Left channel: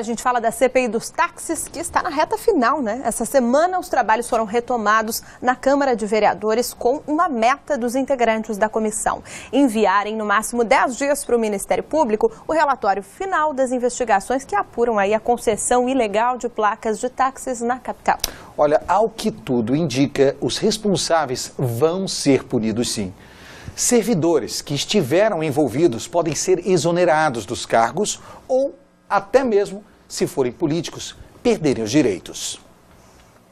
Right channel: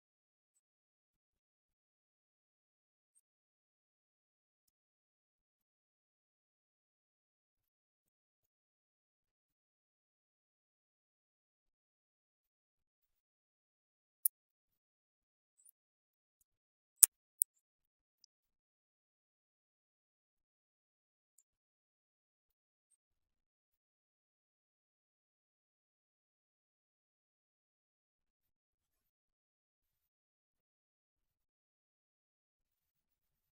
A gente fala da CPI dos táxis, que está na reta final, né? Essa semana os trabalhos foram retomados na Câmara de Vereadores com uma meta dos integrantes da comissão: enviarem no máximo 10 dias para o Ministério Público o relatório final das investigações que apuram aí a concessão ilegal de placas de táxis na capital. Olha, ao que tudo indica, os responsáveis vão ser punidos sim. Servidores que estiveram envolvidos podem ser exonerados dos cargos ou até mesmo, se forem políticos, perderem os direitos.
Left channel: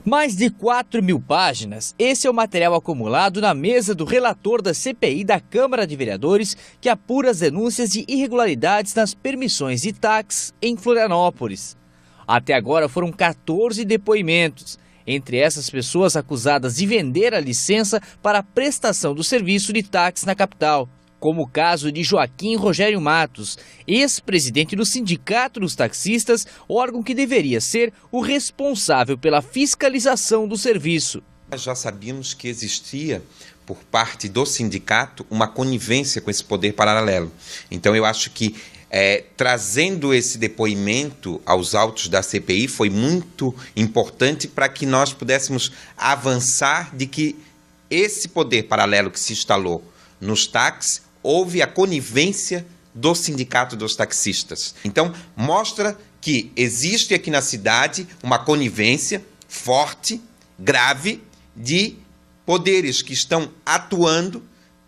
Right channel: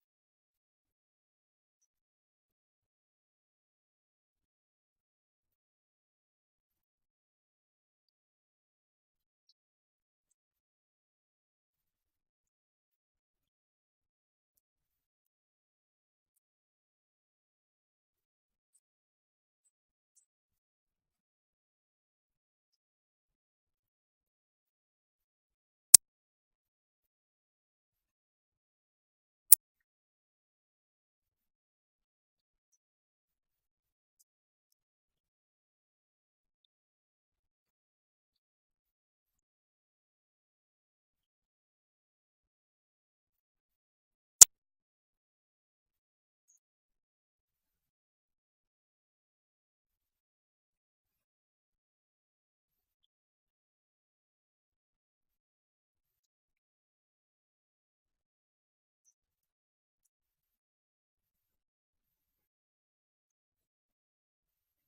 Mais de 4.000 páginas, esse é o material acumulado na mesa do relator da CPI da Câmara de Vereadores, que apura as denúncias de irregularidades nas permissões de táxis em Florianópolis. Até agora foram 14 depoimentos, entre essas pessoas acusadas de vender a licença para a prestação do serviço de táxi na capital, como o caso de Joaquim Rogério Matos, ex-presidente do Sindicato dos Taxistas, órgão que deveria ser o responsável pela fiscalização do serviço. Nós já sabíamos que existia, por parte do sindicato, uma conivência com esse poder paralelo. Então, eu acho que trazendo esse depoimento aos autos da CPI foi muito importante para que nós pudéssemos avançar de que esse poder paralelo que se instalou nos táxis, houve a conivência do Sindicato dos Taxistas. Então, mostra que existe aqui na cidade uma conivência forte, grave, de poderes que estão atuando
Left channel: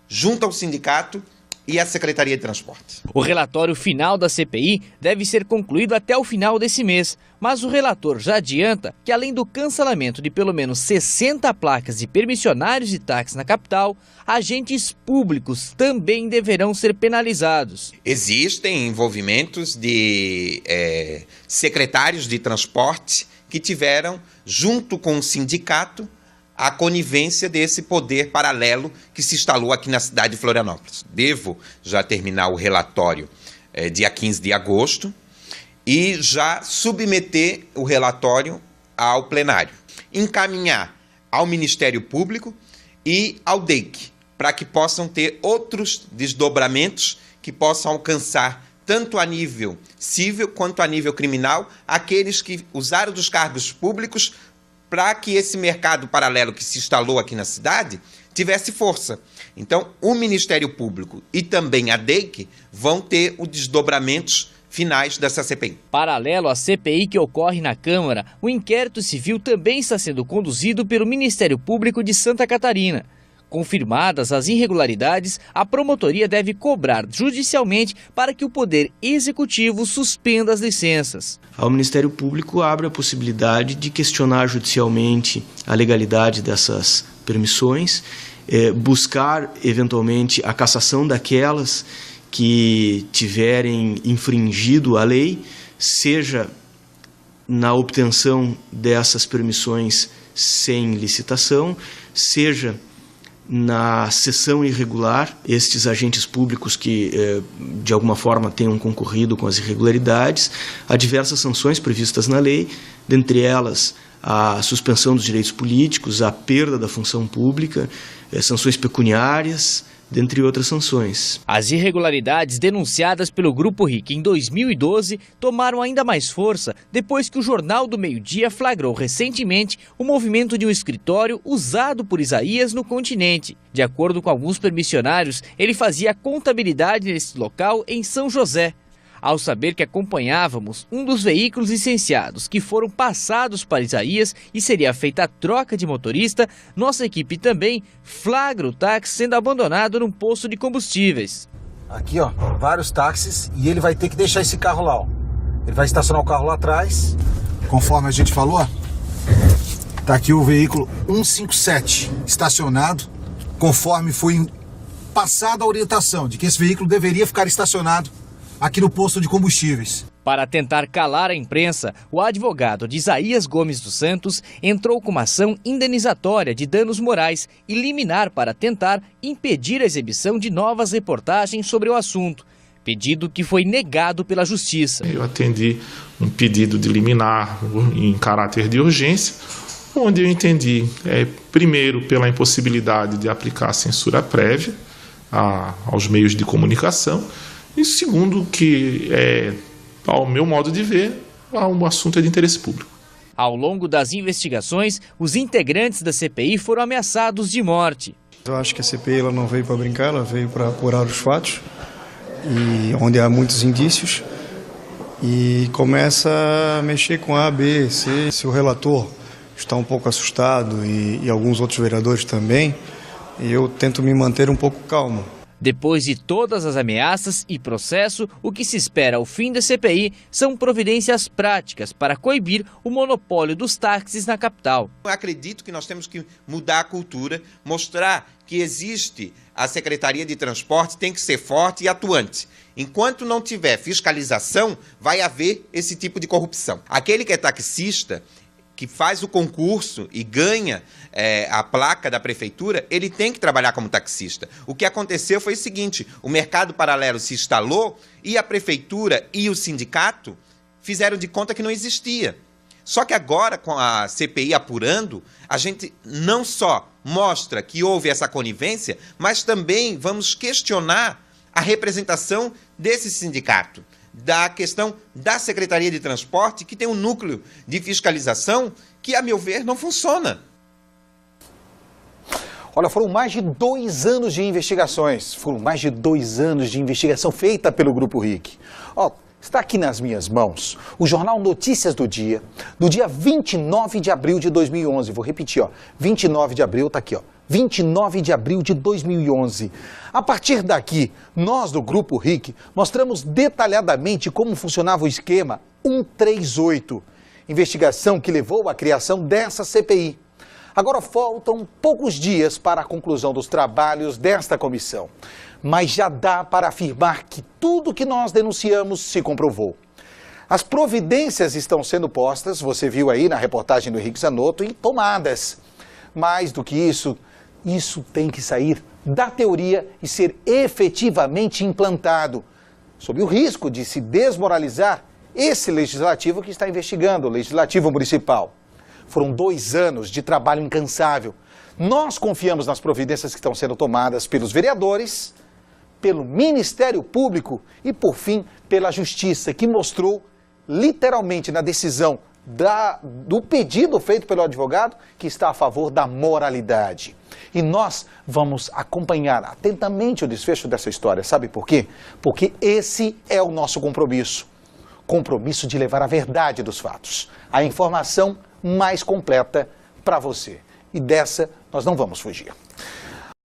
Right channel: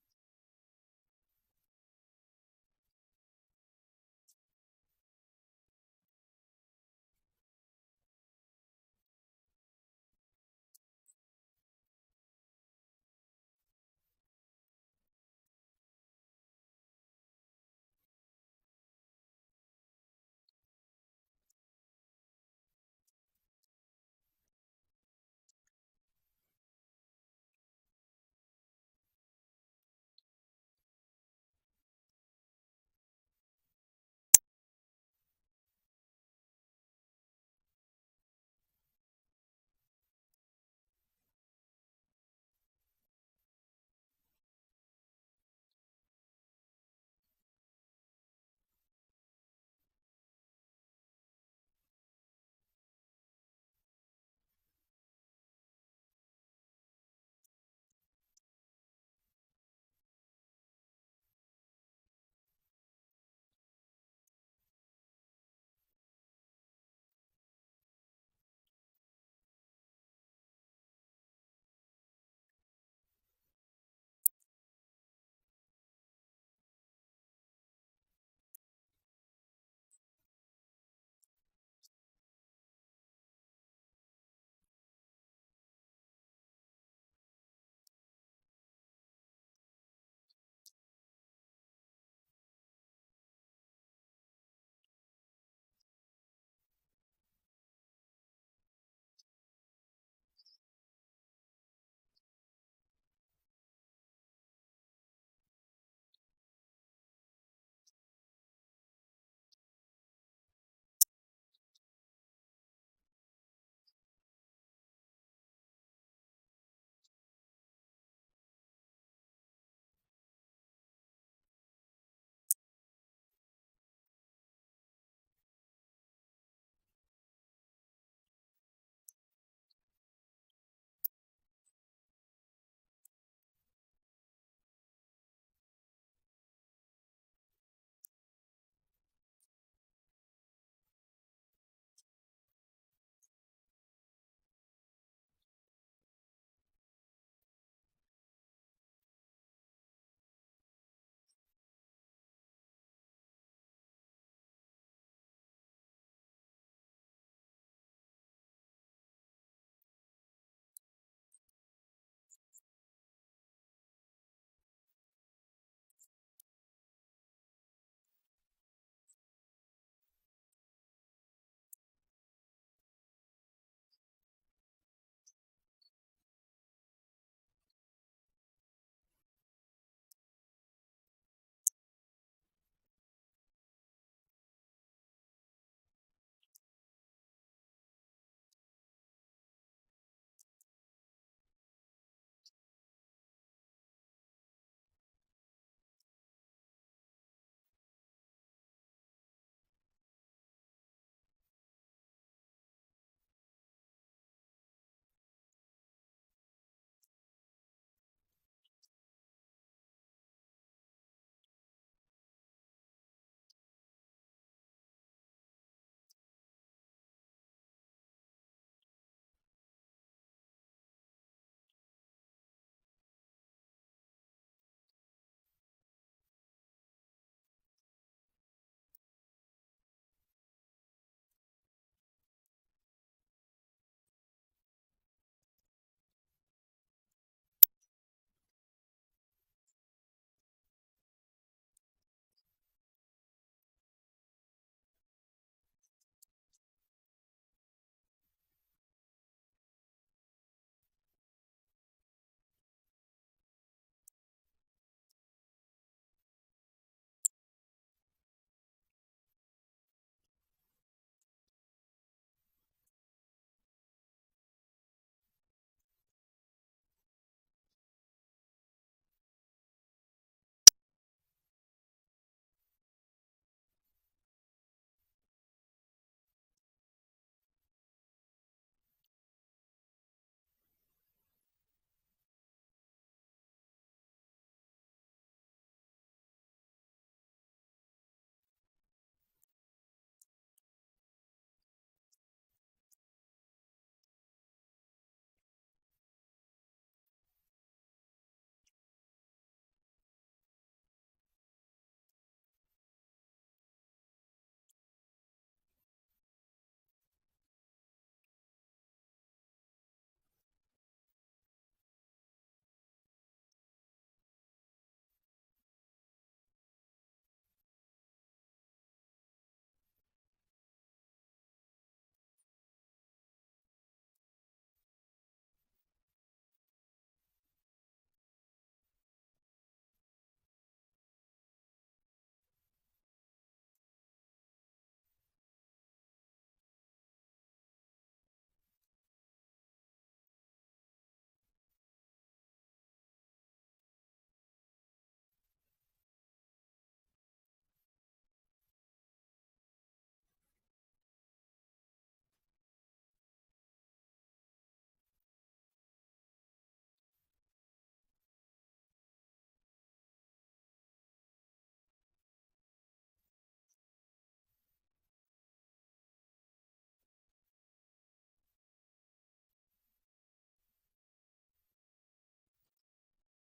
junto ao sindicato e à Secretaria de Transporte. O relatório final da CPI deve ser concluído até o final desse mês, mas o relator já adianta que, além do cancelamento de pelo menos 60 placas de permissionários de táxi na capital, agentes públicos também deverão ser penalizados. Existem envolvimentos de secretários de transporte que tiveram, junto com o sindicato, a conivência desse poder paralelo que se instalou aqui na cidade de Florianópolis. Devo já terminar o relatório dia 15 de agosto e já submeter o relatório ao plenário. Encaminhar ao Ministério Público e ao DEIC, para que possam ter outros desdobramentos que possam alcançar, tanto a nível civil quanto a nível criminal, aqueles que usaram dos cargos públicos para que esse mercado paralelo que se instalou aqui na cidade tivesse força. Então, o Ministério Público e também a DEIC vão ter os desdobramentos finais dessa CPI. Paralelo à CPI que ocorre na Câmara, o inquérito civil também está sendo conduzido pelo Ministério Público de Santa Catarina. Confirmadas as irregularidades, a promotoria deve cobrar judicialmente para que o Poder Executivo suspenda as licenças. O Ministério Público abre a possibilidade de questionar judicialmente a legalidade dessas permissões, buscar, eventualmente, a cassação daquelas que tiverem infringido a lei, seja na obtenção dessas permissões sem licitação, seja na cessão irregular, estes agentes públicos que, de alguma forma, tenham concorrido com as irregularidades, há diversas sanções previstas na lei, dentre elas a suspensão dos direitos políticos, a perda da função pública, sanções pecuniárias, dentre outras sanções. As irregularidades denunciadas pelo Grupo RIC em 2012 tomaram ainda mais força depois que o Jornal do Meio-Dia flagrou recentemente o movimento de um escritório usado por Isaías no continente. De acordo com alguns permissionários, ele fazia contabilidade nesse local em São José. Ao saber que acompanhávamos um dos veículos licenciados que foram passados para Isaías e seria feita a troca de motorista, nossa equipe também flagra o táxi sendo abandonado num posto de combustíveis. Aqui, ó, vários táxis e ele vai ter que deixar esse carro lá, ó. Ele vai estacionar o carro lá atrás, conforme a gente falou, ó. Tá aqui o veículo 157 estacionado, conforme foi passada a orientação de que esse veículo deveria ficar estacionado aqui no posto de combustíveis. Para tentar calar a imprensa, o advogado de Isaías Gomes dos Santos entrou com uma ação indenizatória de danos morais e liminar para tentar impedir a exibição de novas reportagens sobre o assunto, pedido que foi negado pela Justiça. Eu atendi um pedido de liminar em caráter de urgência, onde eu entendi, primeiro, pela impossibilidade de aplicar censura prévia aos meios de comunicação, e segundo, que, ao meu modo de ver, o assunto é de interesse público. Ao longo das investigações, os integrantes da CPI foram ameaçados de morte. Eu acho que a CPI ela não veio para brincar, ela veio para apurar os fatos, e onde há muitos indícios, e começa a mexer com A, B, C. Se o relator está um pouco assustado e alguns outros vereadores também, eu tento me manter um pouco calmo. Depois de todas as ameaças e processo, o que se espera ao fim da CPI são providências práticas para coibir o monopólio dos táxis na capital. Eu acredito que nós temos que mudar a cultura, mostrar que existe a Secretaria de Transporte, tem que ser forte e atuante. Enquanto não tiver fiscalização, vai haver esse tipo de corrupção. Aquele que é taxista, que faz o concurso e ganha a placa da prefeitura, ele tem que trabalhar como taxista. O que aconteceu foi o seguinte, o mercado paralelo se instalou e a prefeitura e o sindicato fizeram de conta que não existia. Só que agora, com a CPI apurando, a gente não só mostra que houve essa conivência, mas também vamos questionar a representação desse sindicato, da questão da Secretaria de Transporte, que tem um núcleo de fiscalização que, a meu ver, não funciona. Olha, foram mais de 2 anos de investigações. Foram mais de 2 anos de investigação feita pelo Grupo RIC. Ó, está aqui nas minhas mãos o jornal Notícias do dia 29 de abril de 2011. Vou repetir, ó, 29 de abril, está aqui, ó. 29 de abril de 2011. A partir daqui, nós do Grupo RIC mostramos detalhadamente como funcionava o esquema 138, investigação que levou à criação dessa CPI. Agora faltam poucos dias para a conclusão dos trabalhos desta comissão, mas já dá para afirmar que tudo que nós denunciamos se comprovou. As providências estão sendo postas, você viu aí na reportagem do Henrique Zanotto, e tomadas. Mais do que isso tem que sair da teoria e ser efetivamente implantado, sob o risco de se desmoralizar esse legislativo que está investigando, o legislativo municipal. Foram 2 anos de trabalho incansável. Nós confiamos nas providências que estão sendo tomadas pelos vereadores, pelo Ministério Público e, por fim, pela Justiça, que mostrou literalmente na decisão do pedido feito pelo advogado que está a favor da moralidade. E nós vamos acompanhar atentamente o desfecho dessa história. Sabe por quê? Porque esse é o nosso compromisso. Compromisso de levar a verdade dos fatos, a informação mais completa para você. E dessa nós não vamos fugir.